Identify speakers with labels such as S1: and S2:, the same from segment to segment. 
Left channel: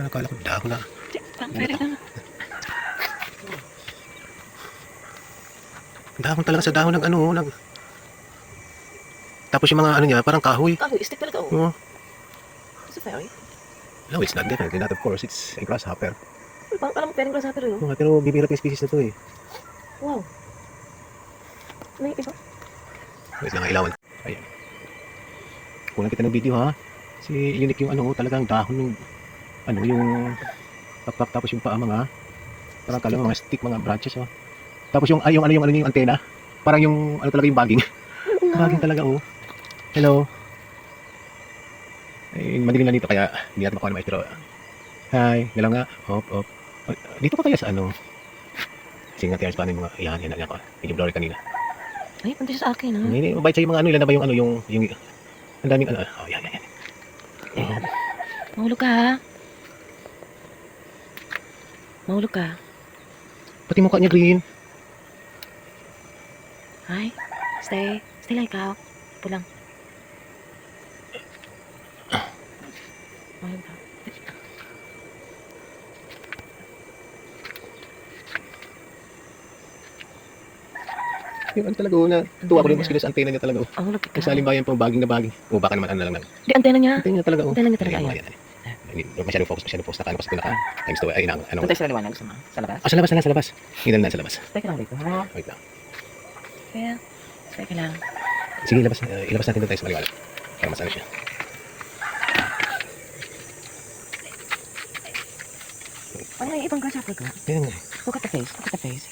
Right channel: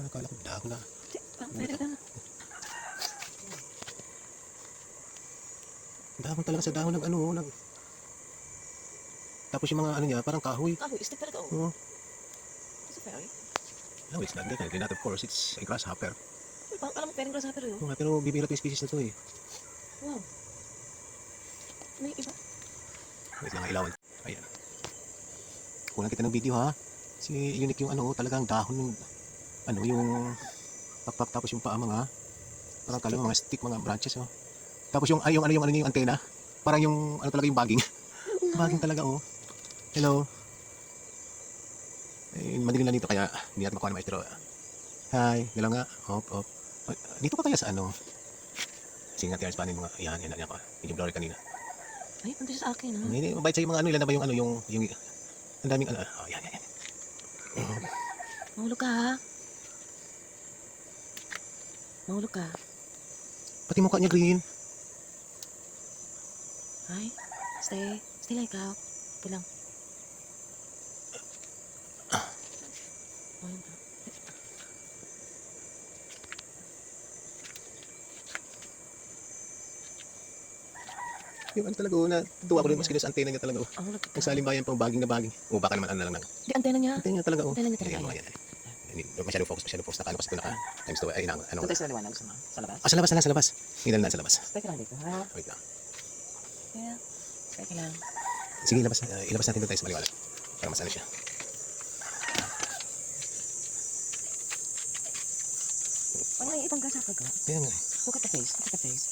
S1: Parang akala ko dahon na. Dahon talaga sa dahon ng ano, nag... Tapos yung mga ano niya, parang kahoy.
S2: Kahoy, stick talaga. Oh.
S1: Oh.
S2: It's a fairy.
S1: No, it's not definitely not of course. It's a grasshopper.
S2: Uy, parang alam mo, pwedeng grasshopper yun.
S1: Oh, pero bibira yung species na to eh.
S2: Wow. May iba.
S1: Wait lang, ilawan. Ayan. Kulang kita ng video ha. Kasi unique yung ano, talagang dahon ng ano, yung pakpak tapos yung paa mga parang kala mga stick, mga branches oh. Tapos yung ay yung ano yung ano yung antena, parang yung ano talaga yung bagging. bagging talaga oh. Hello. Eh, madilim na dito kaya hindi natin makuha ng maestro. Hi, galaw nga. Hop, hop. Dito pa kaya sa ano? Sige nga, tiyas pa mga, yan, yan, yan, yan. Medyo blurry kanina.
S2: Ay, punta siya sa akin, ha?
S1: Hindi, mabait sa yung mga ano, ilan na ba yung ano, yung, yung, ang daming ano, oh, yan, yan, yan.
S2: Mahulog ka, ha? Mahulog ka.
S1: Pati mukha niya green.
S2: Hi. Stay. Stay lang ikaw. Ito lang. Mahulog ka.
S1: Yung ano talaga, oh, na, tuwa ko rin mas sa antena niya talaga, oh.
S2: Ang hulog ka.
S1: Kasi halimbawa yung pang baging na baging. O baka naman ano lang lang.
S2: Di, antena niya.
S1: Antena niya talaga, oh.
S2: Antena niya talaga,
S1: ayan. Hindi, huwag masyadong focus, masyadong focus na kano kasi pinaka times to, ay, inang, ano.
S2: Punta sa liwanag sa, sa labas.
S1: Ah, sa labas, sa labas, sa labas. Hindi na, sa labas.
S2: Stay ka lang dito, ha?
S1: Wait lang.
S2: Kaya, stay ka lang.
S1: Sige, ilabas, uh, ilabas natin doon tayo sa maliwanag. Para mas ano siya.
S2: Ay, may ibang grasshopper ka.
S1: Ayan, nga.
S2: Look at the face. Look at the face.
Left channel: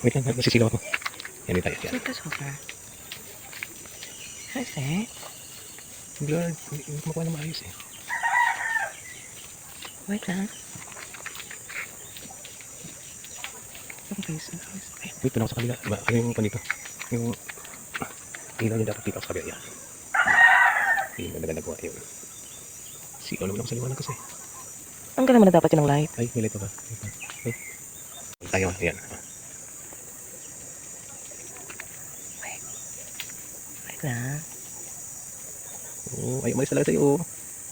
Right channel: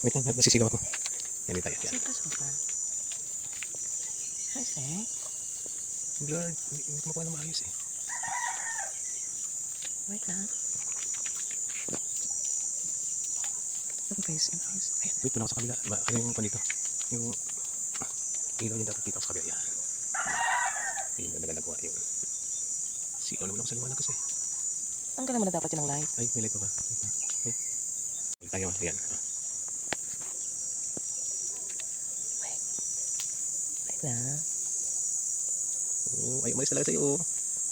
S1: wait lang, nasisilaw ako. Yan tayo, yan.
S2: It's a grasshopper. Hi, stay.
S1: Blurred, hindi hindi ko makuha na maayos eh.
S2: Wait lang.
S1: Ang face, ang face. Ay, wait, lang sa kabila. Ba, ano yung pan dito? Yung ilaw niya dapat dito sa kabila. Yan. Yung ganda nagawa yun. Si naman ako sa liwanag kasi.
S2: Ang ganda mo na dapat yun ng light.
S1: Ay, may light pa ba? Wait lang. Ay. Ayaw, yan. Ah.
S2: Wait lang.
S1: Oo, ay, umalis talaga sa'yo. oh.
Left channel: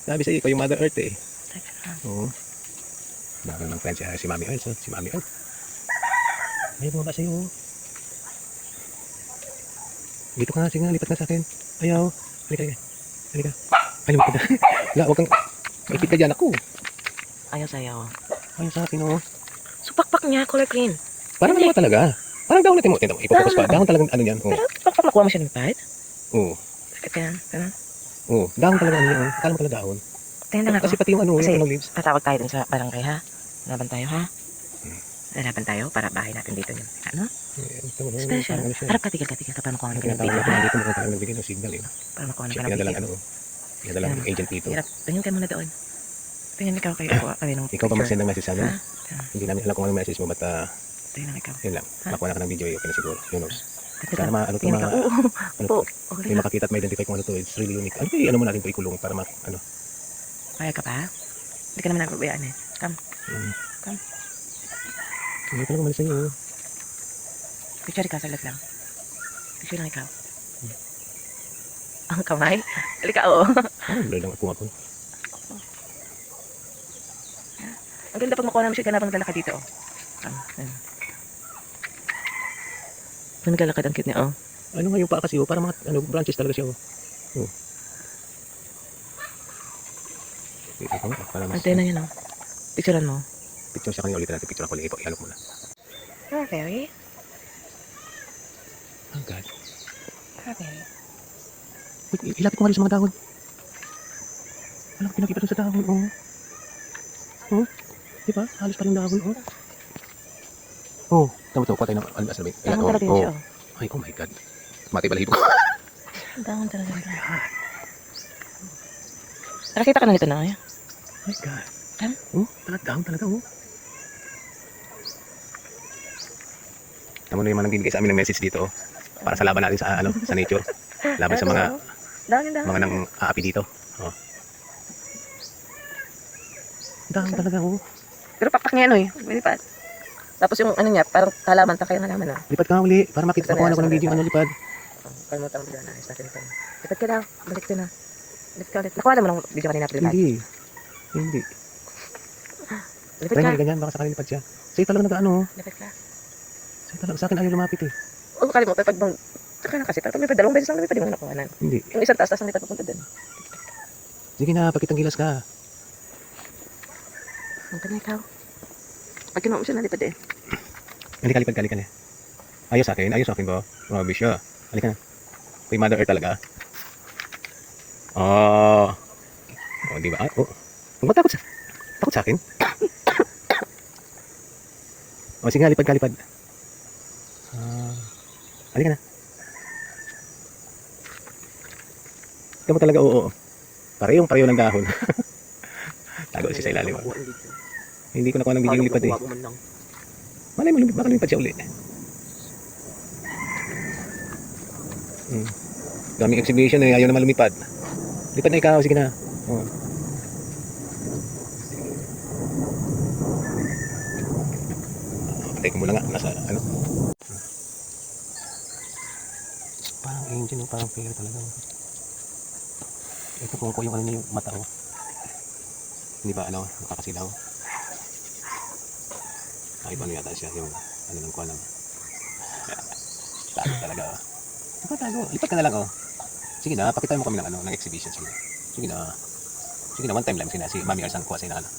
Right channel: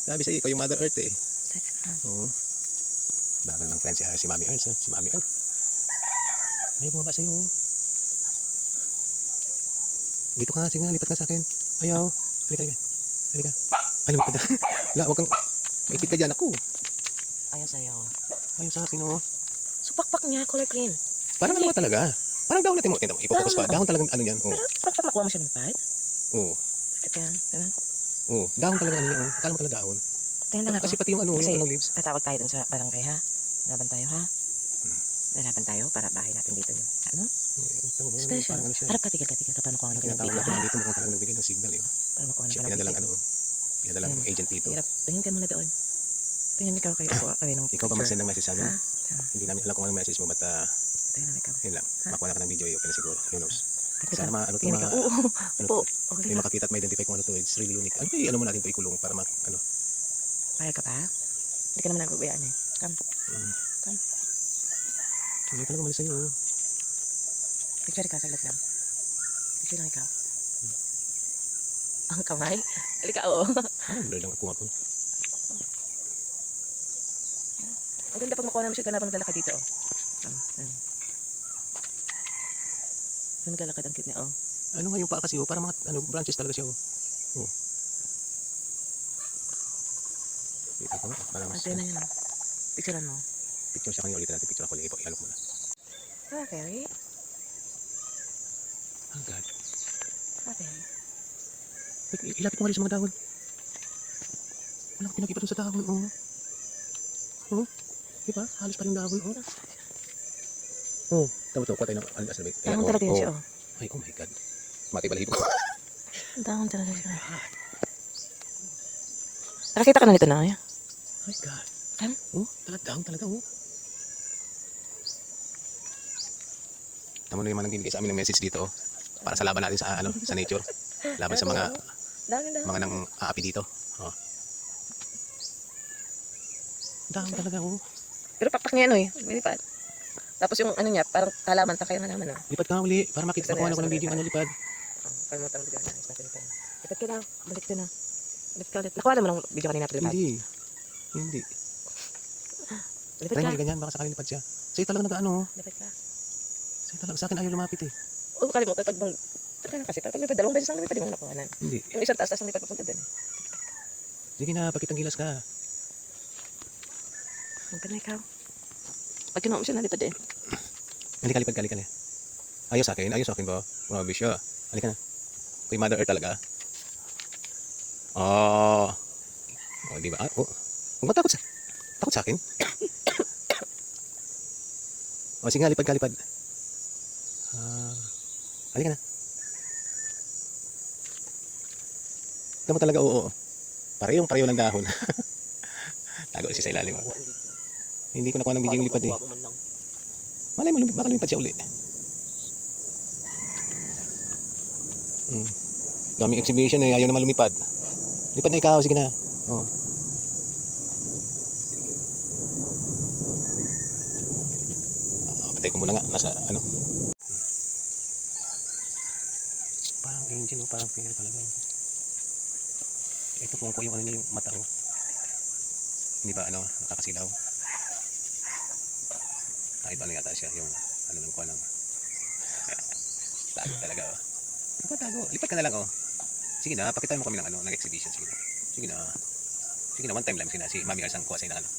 S1: Sabi sa'yo, ikaw yung Mother Earth eh. Oo. Dami ng friends ah, si Mami oh. si Mami Earth. Ay, bumaba sa'yo. oh. Dito ka nga, sige nga, lipat ka sa akin. Ayaw. Halika, halika. Halika. Ay, lumipad na. Wala, huwag kang... Maipit ka dyan ako.
S2: Ayaw sa'yo.
S1: Ayaw sa akin, oh.
S2: So, pakpak niya, color green.
S1: Parang ba talaga? Parang dahon natin mo. Ito, ipopokus pa. Dahon talagang ano yan. Oo.
S2: Pero, pakpak nakuha mo siya ng pad?
S1: Oo.
S2: Bakit yan?
S1: Oo. Dahon talaga ano yan. oh. Akala mo talaga dahon.
S2: Tingnan lang ako.
S1: Kasi pati yung ano,
S2: Kasi-
S1: yung ano leaves.
S2: Tatawag tayo dun sa barangay, ha? Laban tayo, ha? Laban tayo para bahay natin dito yun. Ano?
S1: Eh,
S2: Special.
S1: Ano.
S2: Harap ka, tigil ka, tigil ka. Para makuha ng pinag
S1: tinatawag natin dito mo parang nagbigay ng signal eh.
S2: Para makuha ng
S1: pinadala
S2: pinag
S1: ano. Pinadala ng agent dito.
S2: Hirap. Tingin ka muna doon. Tingin ikaw kayo. Kuha kami ng
S1: Ikaw ba mag-send ng message sa amin? Hindi namin alam kung anong message mo, but uh,
S2: Tingin lang ikaw.
S1: yun lang.
S2: Ha?
S1: Makuha na ka ng video, okay na siguro. Who knows? Sana ma, ano to, ma, ano to, may makakita at ma-identify kung ano to. It's really unique. Ano ba, ano mo natin to ikulong para mak, ano.
S2: Kaya ka pa? Hindi ka naman nagbabayaan eh. Come.
S1: Um,
S2: Come.
S1: Hindi talaga malis sa'yo. oh.
S2: Picture ka, saglit lang. Picture lang ikaw. Ang kamay? Halika, oo.
S1: Ah, blur lang ako ako.
S2: Ang ganda pag makuha namin siya ganapang lalakad dito, oh. Um, yan. Ang naglalakad ang cute niya, oh.
S1: Ano nga yung paa kasi, oh, para mga ano, branches talaga siya. Oh. Oh. Wait, ito para mas,
S2: Antena niya, no? Picturean mo.
S1: picture siya kanina ulit natin, picture ako ulit. Ipo, ihalok muna.
S2: Ah, very.
S1: Oh God. I- ilapit mo nga rin sa mga dahon. Alam ko, pinakita dun sa dahon, oh. Oh, di ba? Halos pa rin dahon, oh. Oh, tama to, kuha tayo ng, ano, sabi,
S2: Tangan
S1: oh,
S2: talaga yun siya,
S1: oh.
S2: oh.
S1: Ay, oh my God. Mati balahibo ko.
S2: Tangan talaga yun. Nakakita ka na nito na, eh.
S1: My God.
S2: Ano?
S1: Oh, talaga dahon talaga, oh. Tama na yung mga nagbibigay sa amin ng message dito, oh. Para sa laban natin sa, ano, sa nature. Laban sa mga,
S2: Dahon, dahon.
S1: mga nang aapi dito. Oh. Dahon talaga, oh.
S2: Pero pakpak niya, ano, eh. Pwede pa. Tapos yung ano niya, parang halaman, takay ng halaman, ah.
S1: Lipad ka nga uli, para makita makuha na ko ng video, ano, lipad.
S2: Kalimutan mo na. Lipat ka daw, balik ka na. Balik ka ulit. Nakuha naman ang video kanina.
S1: Hindi. Hindi.
S2: Lipad
S1: Try mo
S2: ka.
S1: ganyan, baka sa lipad siya. Sa'yo talaga nag-ano,
S2: Lipad ka.
S1: sa'yo talaga, sa akin ayaw lumapit eh.
S2: Huwag mo kalimutan, pag bang... Saka na kasi, pag lumipad, dalawang beses lang lumipad, di mo nakuhanan.
S1: Hindi.
S2: Yung isang taas, taas ang lipad papunta dun.
S1: Sige na, pakitang gilas ka.
S2: Ang ka na ikaw. Pag kinuha mo siya, nalipad eh.
S1: Halika, lipad ka, halika na. Ayaw sa akin, ayaw sa akin ba? Grabe siya. Halika na. Kay Mother Earth talaga. Oh. Oh, di ba? Ay, oh. Huwag matakot sa... Takot sa akin? oh, sige nga, lipad ka, lipad. Ah. halika na. Ikaw mo talaga, oo. Parehong pareho ng dahon. Tago siya sa ilalim. ah. Hindi ko nakuha ng video yung lipad eh. Malay mo, baka lumipad siya uli. Hmm. Daming exhibition eh, ayaw naman lumipad. Lipad na ikaw, sige na. Oh. Muna nga, nasa ano. Parang oh, parang fair talaga. Ito kung ko yung ano yung mata ko. Hindi ba ano, nakakasilaw. Ay, paano yata siya yung ano ng kuha ng tago talaga. oh. Tago, lipat ka na lang oh. Sige na, pakita mo kami ng ano, ng exhibition. Sige na. Sige na. Sige na, one time lang. Sige na, si Mami Arsang kuha sa'yo ng ano.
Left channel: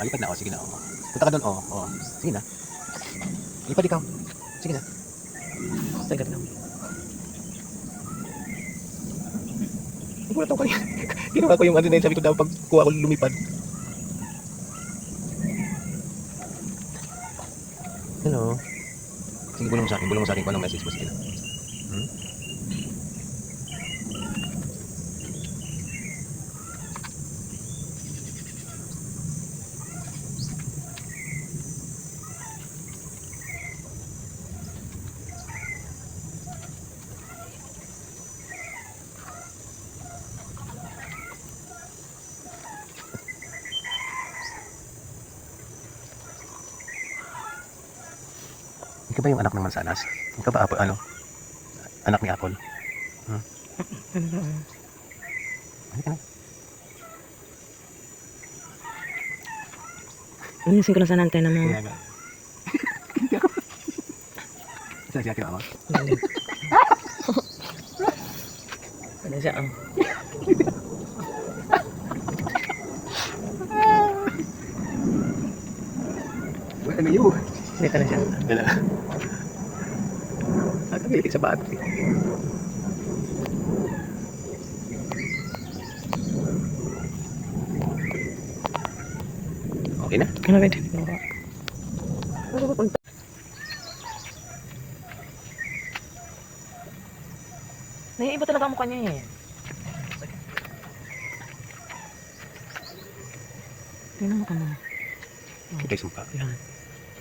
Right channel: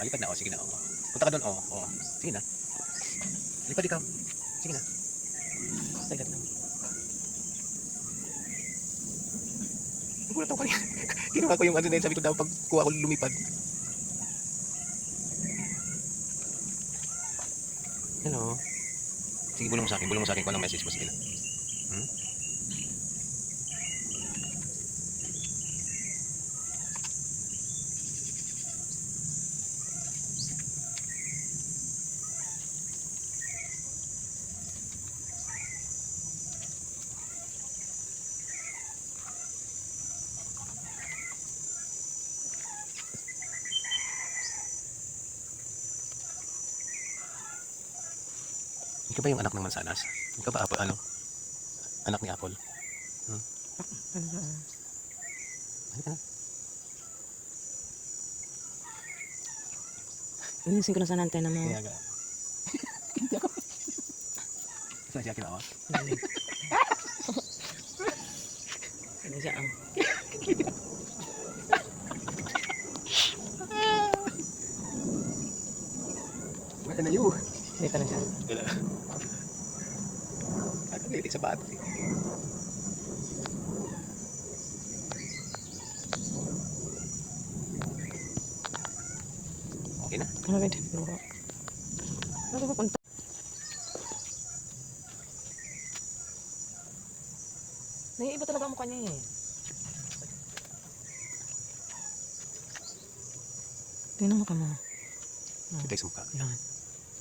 S1: Ah, lipat na ako, sige na. Oh. Punta ka doon, oh. oh. Sige na. Lipat ikaw. Sige na.
S2: Sagad lang.
S1: Nagulat ako kanina. Ginawa ko yung ano na yun, sabi ko daw pag kuha ko lumipad. Hello. Sige, bulong mo sa akin. Bulong sa akin kung anong message mo. Sige na. Hmm? Ikaw ba yung anak ng mansanas? Ikaw ba Apple, ano? Anak ni Apple? Na.
S2: Ayusin ko lang sa antena mo.
S1: Kaya nga. Hindi ako. Saan siya kinuha mo?
S2: Ano siya, oh.
S1: Wala na yun.
S2: Hindi ka na siya.
S1: Dala. Ang sa battery. Okay na?
S2: Ano ba ito? Ano? Naiiba talaga ang mukha niya eh. Tingnan mo ka mo.
S1: Kita yung sumpa.
S2: Yan.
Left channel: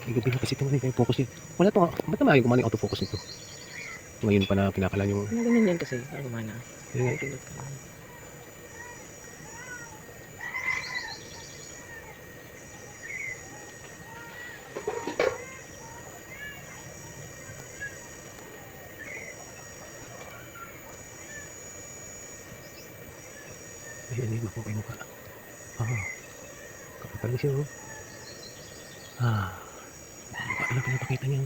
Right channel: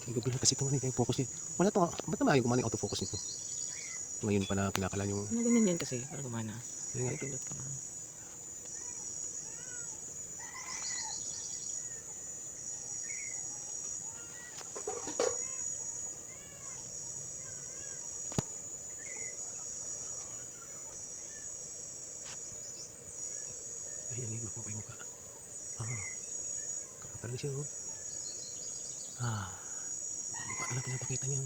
S1: Igabi na kasi nga yung focus niya. Wala to. Ba't naman ayaw kumana yung autofocus nito? Ngayon pa na pinakalan yung...
S2: Ano ganyan yan kasi? Ano naman na?
S1: Yun nga. Ayan yun, makuha yung mukha. Ah. Kapag talaga siya, oh. Ah. Mukha na pinapakita niya.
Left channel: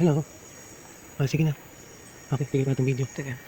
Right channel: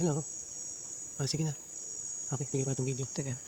S1: Hello. Ah, sige na. Okay, tigil na itong video.
S2: Teka.